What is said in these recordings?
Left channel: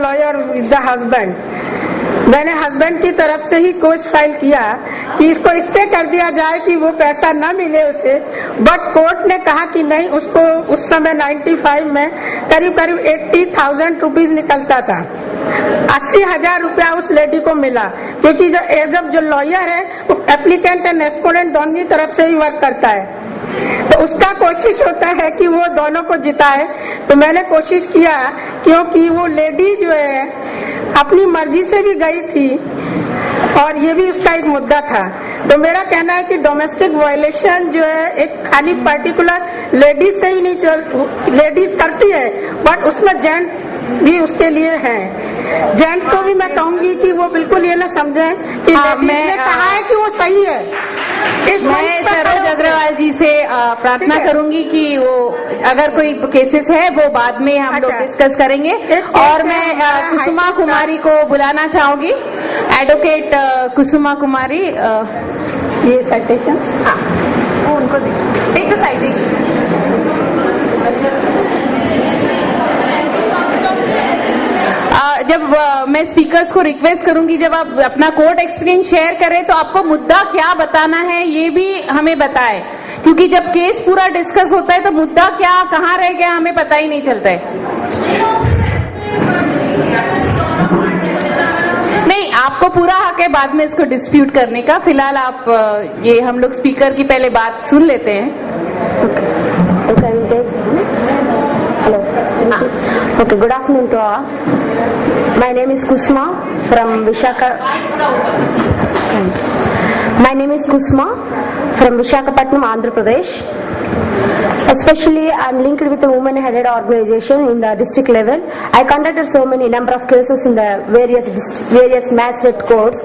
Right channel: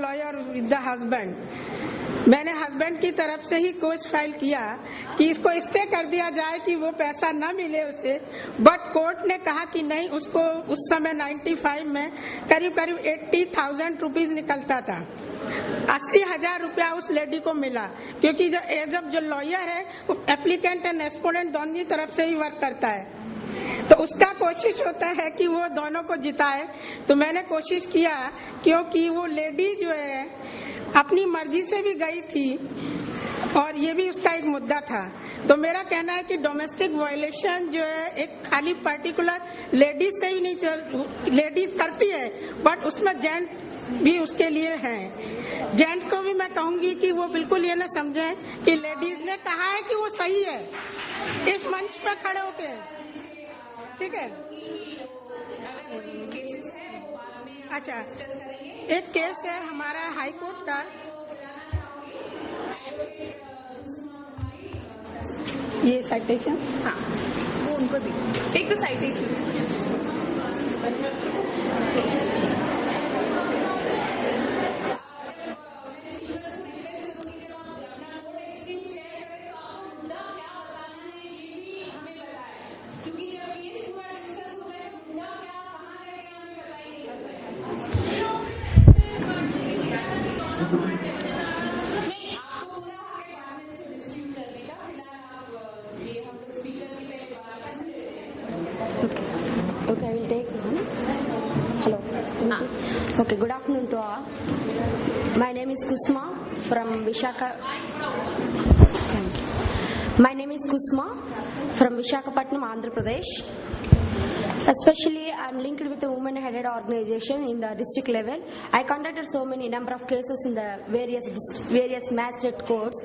Lawyer with the husband, मैंने husband की तरफ से ही कोर्ट फाइल किया कि इसको स्टे कर दिया जाए कि वो पैसा न मिले उसे, बट कोर्ट ने कहा कि नहीं, उसको उस समय 95 में करीब 80,000 रुपीज निकलता था। 80,000 रुपया उस लेडी को मिला, क्योंकि जो लॉयर है वो एप्लीकेंट एंड एक्सपोनेंट दोनों की तरफ से ही वर्क करता है, तो उसका कोशिश होता है कि वो दोनों को जिताए। तो मैंने कोशिश किया, क्योंकि वो लेडी जो है अपनी मर्जी से भी गई थी और ये भी उसका एक मुद्दा था। तो मेरा कहना है कि डोमेस्टिक वायलेशन जो है एक खाली पर्टिकुलर लेडीज से ही नहीं, लेडीज करती है बट उसमें जेंट भी उसके लिए है। जेंट को भी मैं कहूंगी कि वो बिल्कुल ये ना समझे कि लेडीज ने कहा है कि वो सही है। मैं सरोज अग्रवाल जी से प्रार्थना करूंगी कि वो अगर कोई केसेस है वो बाद में हम लोग डिस्कस करेंगे। और मैं कुसुमा कुमारी को बुलाना चाहूंगी, एडवोकेट कुसुमा कुमारी। ये साइटेशन उनको टेक द साइटेशन। जब मैं स्पीकर्स को रिक्वेस्ट करूंगी, जब आप अपना कोर्ट एक्सपीरियंस शेयर करें तो आपको मुद्दा क्या बताना है ये भी हमें बताएं, क्योंकि जब केस पूरा डिस्कस होता है तो मुद्दा क्या कहाँ रह गया हमें पता ही नहीं चलता है। नहीं, आपको पूरा हक है बाद में इसको डिस्प्यूट करने का। फिलहाल आप ये हम लोग स्पीकर की पहले बात सुन लेते हैं। Okay, good afternoon to all. My name is Kusma from Visakhapatnam, Andhra Pradesh. Especially, I am linked with a women-headed organization in the district level. I conducted so many number of cases in the various magistrate courts.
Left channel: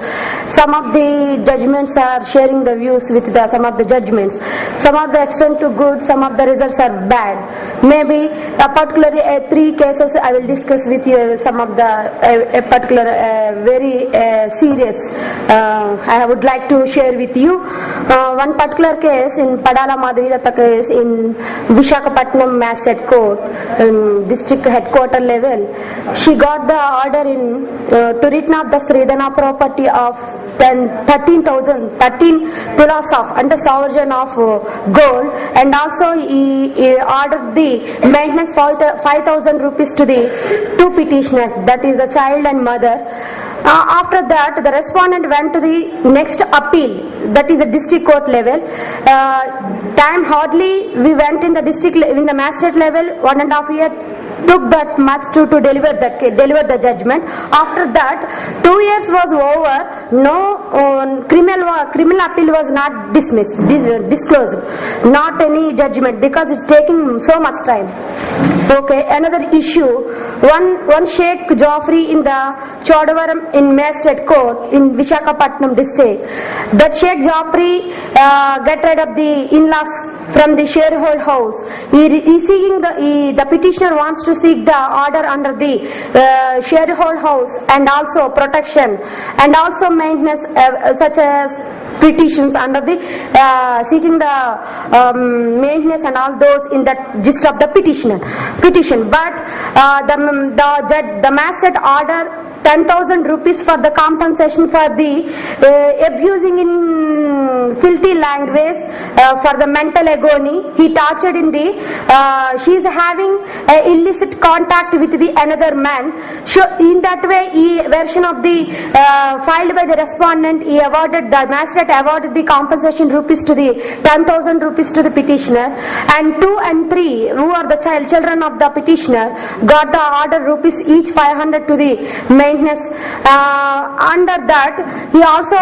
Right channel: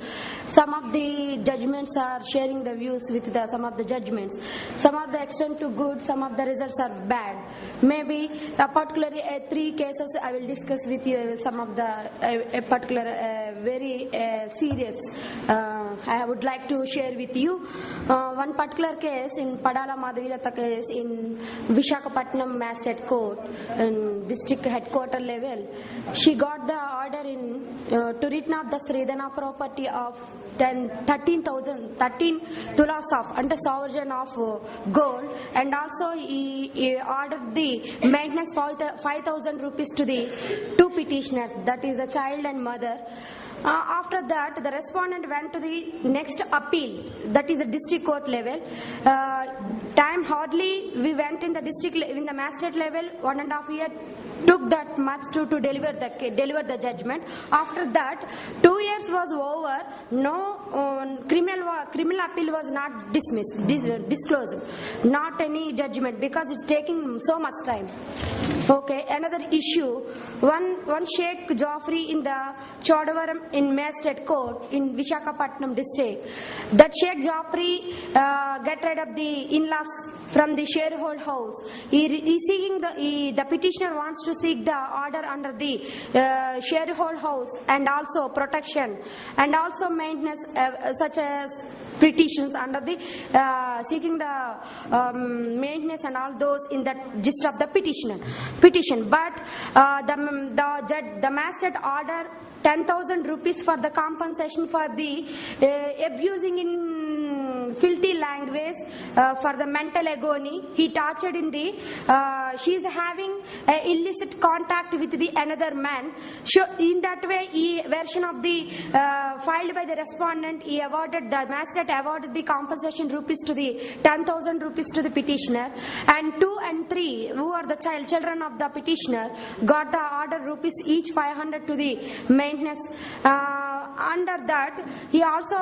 Some of the judgments are sharing the views with some of the judgments. Some of the extent to good, some of the results are bad. Maybe particularly 3 cases I will discuss with you. Some of the particular very serious I would like to share with you. One particular case in Padala Madhavilata case in Visakhapatnam Magistrate Court, district headquarter level. She got the order to written off the Sridhana property of 13 tulas of under sovereign of gold, and also he ordered the maintenance 5,000 rupees to the 2 petitioners, that is the child and mother. After that, the respondent went to the next appeal, that is the district court level. Time hardly we went in the magistrate level, 1.5 years took that much to deliver the judgment. After that, 2 years was over, no criminal appeal was not disclosed, not any judgment, because it's taking so much time. Okay, another issue, one Sheikh Joffrey in the Chodavaram in Magistrate Court in Visakhapatnam district. That Sheikh Joffrey get rid of the in-laws from the sharehold house. The petitioner wants to seek the order under the sharehold house, and also protection, and also maintenance, such as petitions under the seeking the maintenance and all those in the gist of the petition. But the magistrate order 10,000 rupees for the compensation for the abusing in filthy language, for the mental agony. He tortured in the she is having illicit contact with the another man. So in that way, version of the filed by the respondent, the magistrate awarded the compensation rupees to the 10,000 rupees to the petitioner, and 2 and 3 who are the children of the petitioner got the order rupees each 500 to the maintenance. Under that, he also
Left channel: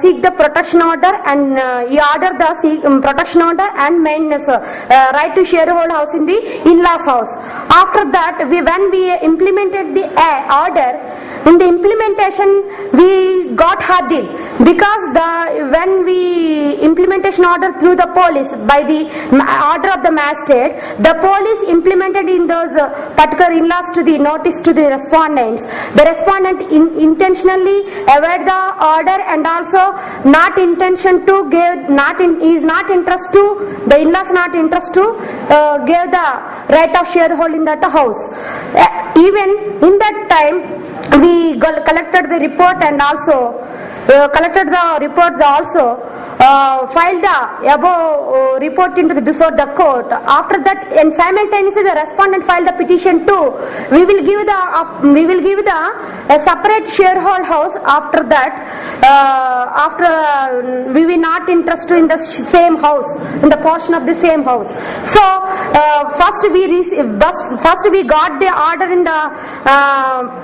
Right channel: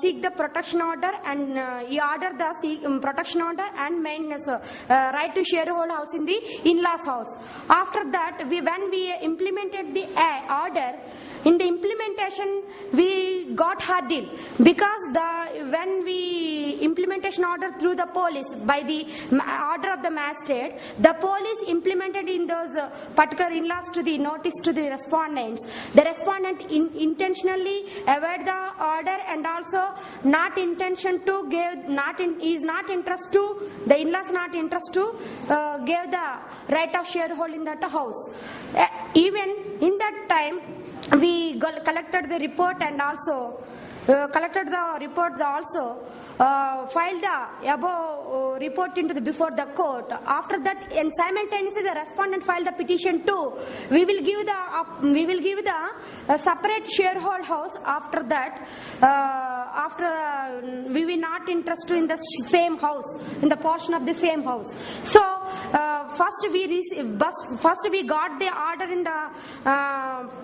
seek the protection order, and he ordered the protection order and maintenance right to sharehold house in the in-laws house. After that, when we implemented the order, in the implementation we got hurdled, because when we implementation order through the police by the order of the magistrate, the police implemented in those particular in-laws to the notice to the respondents. The respondent intentionally avoid the order, and also not intention to give, is not interest to the in-laws, not interest to give the right of shareholding that house. even in that time, we collected the report and also filed the above report into before the court. After that, and simultaneously the respondent filed the petition too. We will give the a separate sharehold house. After that, we will not interested in the same house, in the portion of the same house. So first we got the order in the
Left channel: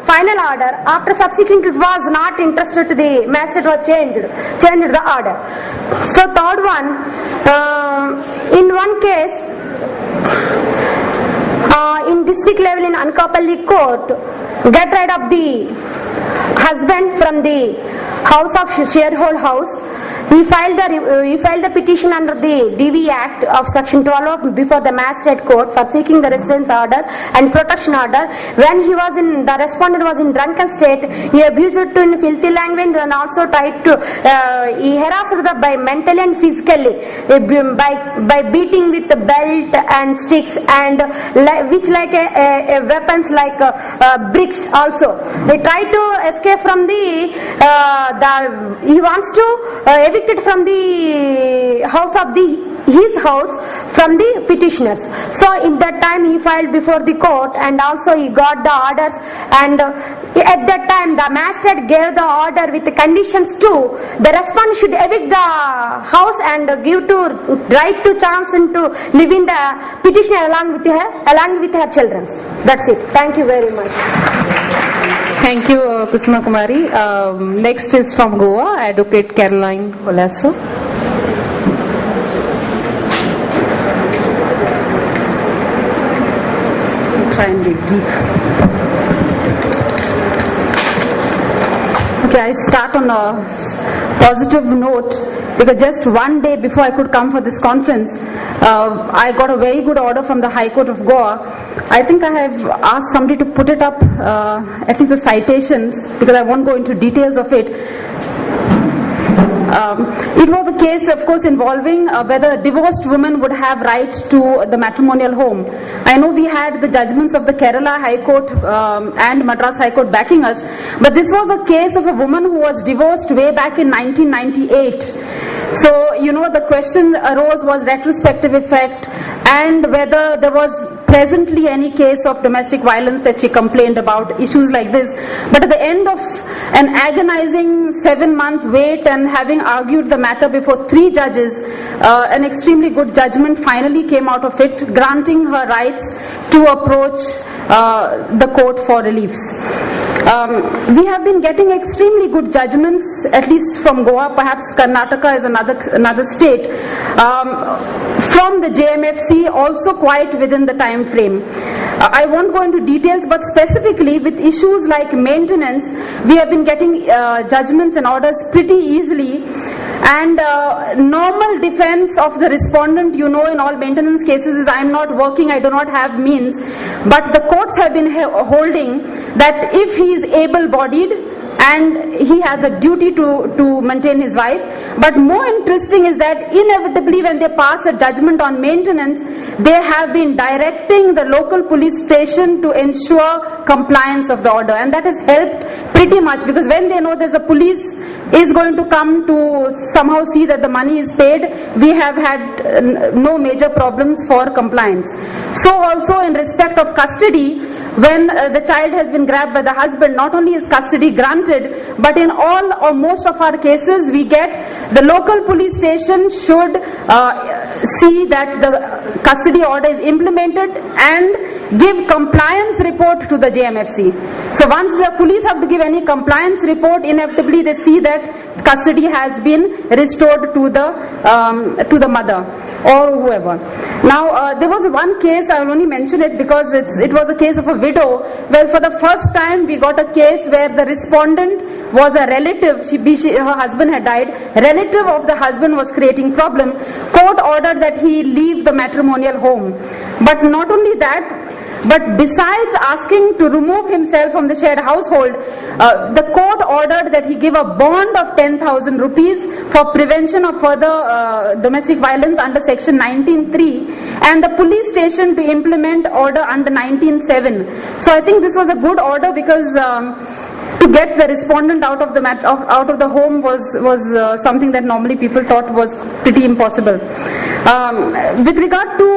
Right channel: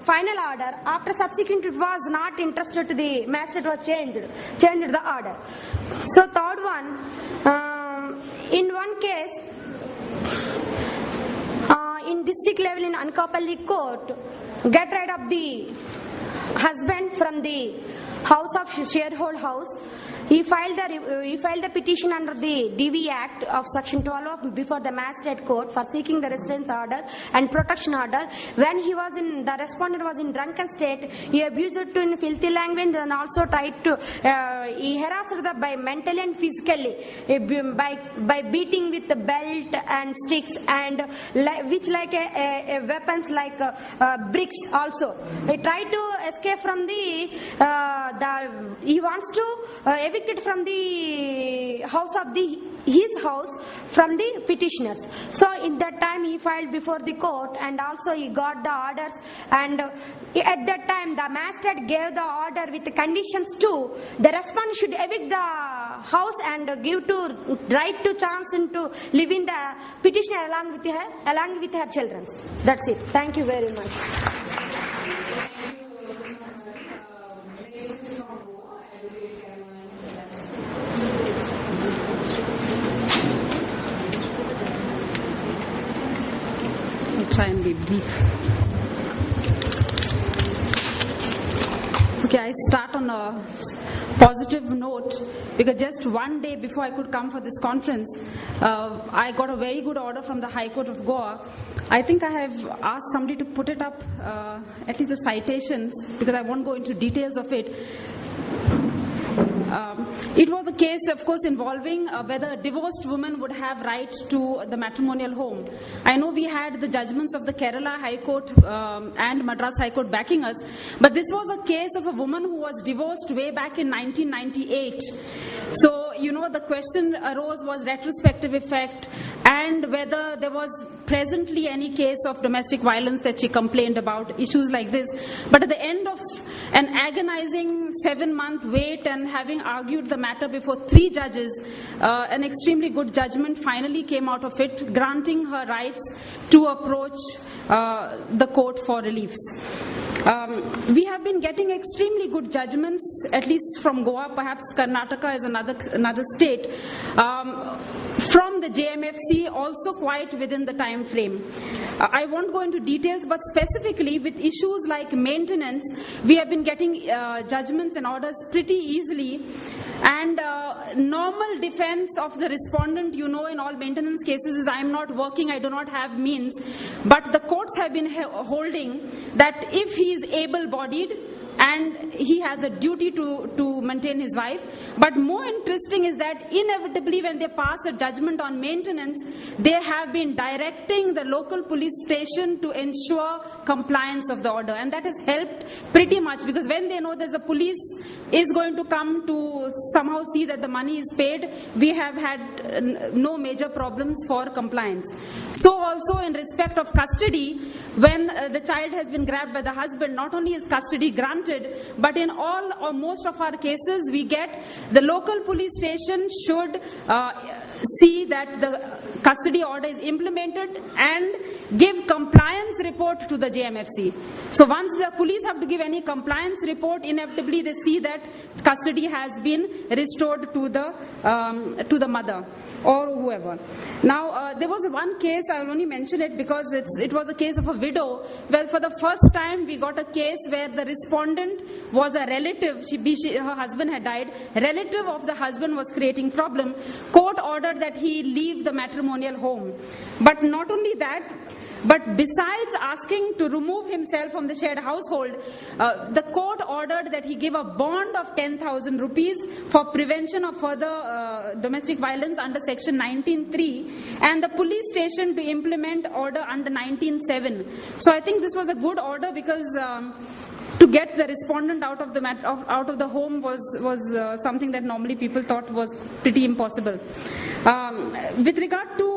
final order. After subsequent it was not interested to the magistrate was changed the order. So third one, in one case, in district level in Anakapalli court, get rid of the husband from the house of sharehold house. He filed the petition under the DV Act of Section 12 before the magistrate court for seeking the residence order and protection order. When the respondent was in drunken state, he abused her in filthy language and also tried to he harassed her by mentally and physically by beating with the belt and sticks and which like a weapons like bricks also. He tried to escape from he wants to evicted from the house of his house from the petitioners. So in that time he filed before the court and also he got the orders, and at that time the magistrate gave the order with the conditions too. The respondent should evict the house and give to right to chance and to live in the petitioner along with her children. That's it. Thank you very much. Thank you, Kusuma Kumari. Next is from Goa, Advocate Caroline Olaso. Try and be brief. Okay, I start on a positive note because just one day before I could come for this conference, I got a very good order from the High Court of Goa. I think I have asked somebody to put it up, at least the citations, because I won't go into details of it. It was a case, of course, involving whether a divorced woman would have right to the matrimonial home. I know we had the judgments of the Kerala High Court and Madras High Court backing us, but this was a case of a woman who was divorced way back in 1998. So, the question arose was retrospective effect and whether there was presently any case of domestic violence that she complained about, issues like this. But at the end of an agonizing 7-month wait and having argued the matter before 3 judges, an extremely good judgment finally came out of it, granting her rights to approach the court for reliefs. We have been getting extremely good judgments, at least from Goa, perhaps Karnataka is another state, from the JMFC, also quite within the time frame. I won't go into details, but specifically with issues like maintenance, we have been getting judgments and orders pretty easily. And normal defense of the respondent, in all maintenance cases is I'm not working, I do not have means. But the courts have been holding that if he is able-bodied, and he has a duty to maintain his wife. But more interesting is that inevitably when they pass a judgment on maintenance, they have been directing the local police station to ensure compliance of the order. And that has helped pretty much, because when they know there's a police is going to come to somehow see that the money is paid, we have had no major problems for compliance. So also in respect of custody, when the child has been grabbed by the husband, not only is custody granted, but in all or most of our cases we get the local police station should see that the custody order is implemented and give compliance report to the JMFC. So once the police have to give any compliance report, inevitably they see that custody has been restored to the mother or whoever. Now there was one case, I will only mention it because it was a case of a widow. Well, for the first time we got a case where the respondent was a relative, her husband had died, relative of the husband was creating problem. Court ordered that he leave the matrimonial home. But not only that, But besides asking to remove himself from the shared household, the court ordered that he give a bond of 10,000 rupees for prevention of further domestic violence under section 19(3), and the police station to implement order under 19(7). So I think this was a good order, because to get the respondent out of the home was something that normally people thought was pretty impossible. With regard to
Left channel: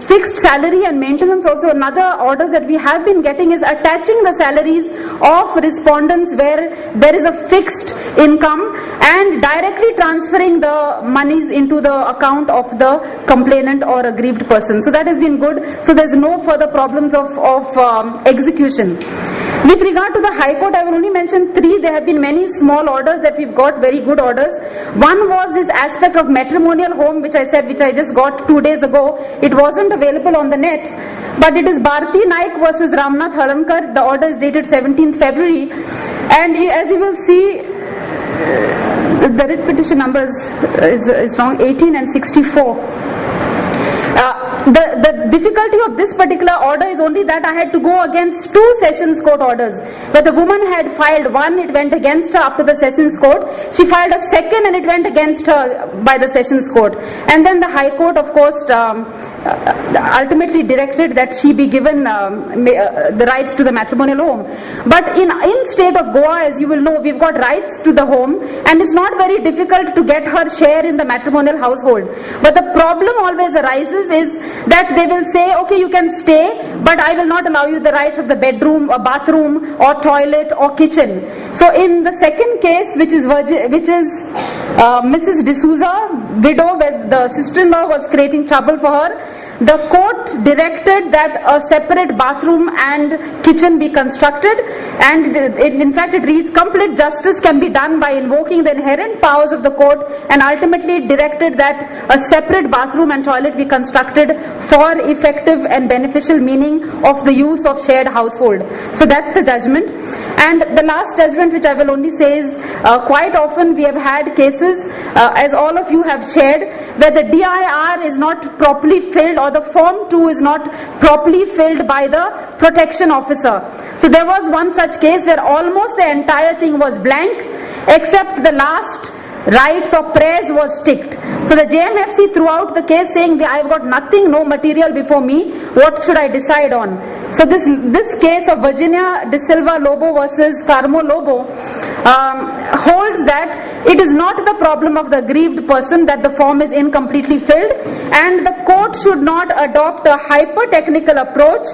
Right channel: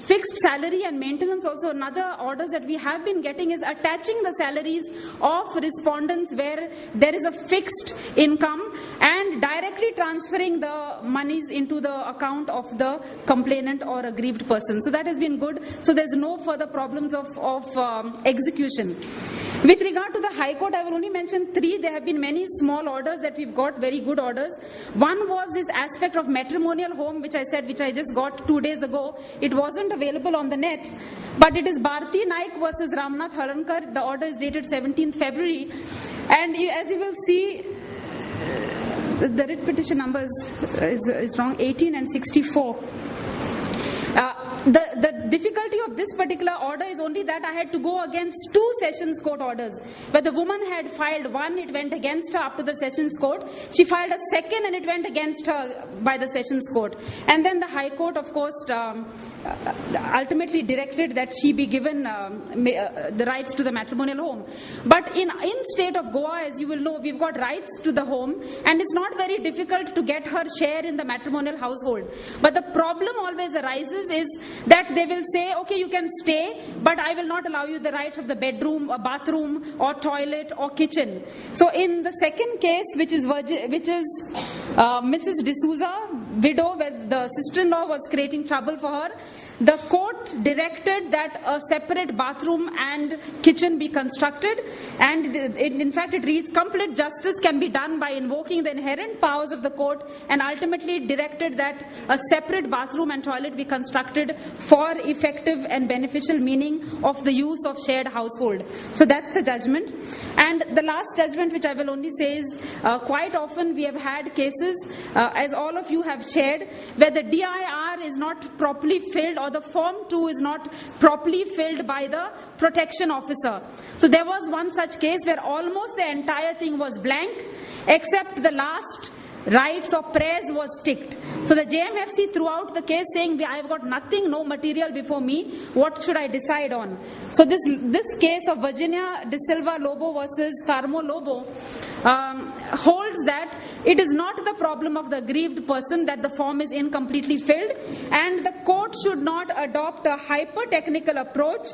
fixed salary and maintenance, also another orders that we have been getting is attaching the salaries of respondents where there is a fixed income and directly transferring the monies into the account of the complainant or aggrieved person. So that has been good. So there's no further problems of execution. With regard to the High Court, I will only mention 3. There have been many small orders that we've got, very good orders. One was this aspect of matrimonial home, which I just got 2 days ago. It wasn't available on the net, but it is Bharti Naik versus Ramnath Harankar. The order is dated 17th February. And as you will see, the writ petition numbers is wrong, 18 and 64. The difficulty of this particular order is only that I had to go against 2 sessions court orders. Where the woman had filed one, it went against her up to the sessions court. She filed a second and it went against her by the sessions court. And then the High Court, of course, ultimately directed that she be given the rights to the matrimonial home. But in state of Goa, as you will know, we've got rights to the home, and it's not very difficult to get her share in the matrimonial household. But the problem always arises is that they will say, okay, you can stay, but I will not allow you the right of the bedroom or bathroom or toilet or kitchen. So in the second case, which is Mrs. D'Souza, widow, where the sister-in-law was creating trouble for her, the court directed that a separate bathroom and kitchen be constructed, and in fact it reads, complete justice can be done by invoking the inherent powers of the court, and ultimately directed that a separate bathroom and toilet be constructed for effective and beneficial meaning of the use of shared household. So that's the judgment. And the last judgment, which I will only say, is quite often we have had cases, as all of you have shared, where the DIR is not properly filled or the Form 2 is not properly filled by the protection officer. So there was one such case where almost the entire thing was blank except the last rights or prayers was ticked. So the JMFC throughout the case saying, I've got nothing, no material before me, what should I decide on? So this case of Virginia De Silva Lobo versus Carmo Lobo holds that it is not the problem of the aggrieved person that the form is incompletely filled, and the court should not adopt a hyper-technical approach,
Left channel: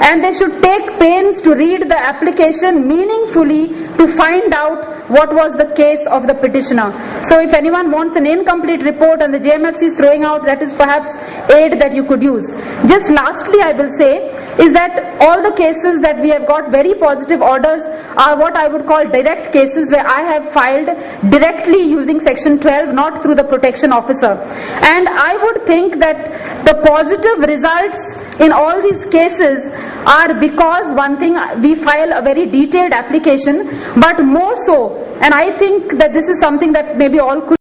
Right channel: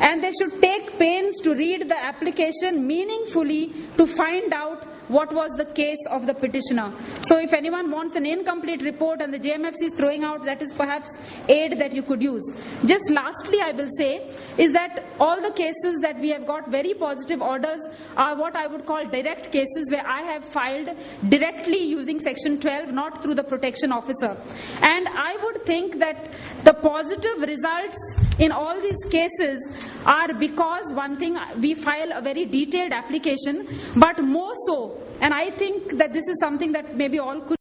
and they should take pains to read the application meaningfully to find out what was the case of the petitioner. So if anyone wants an incomplete report and the JMFC is throwing out, that is perhaps aid that you could use. Just lastly, I will say is that all the cases that we have got very positive orders are what I would call direct cases, where I have filed directly using section 12, not through the protection officer. And I would think that the positive results in all these cases are because, one thing, we file a very detailed application, but more so, and I think that this is something that maybe all could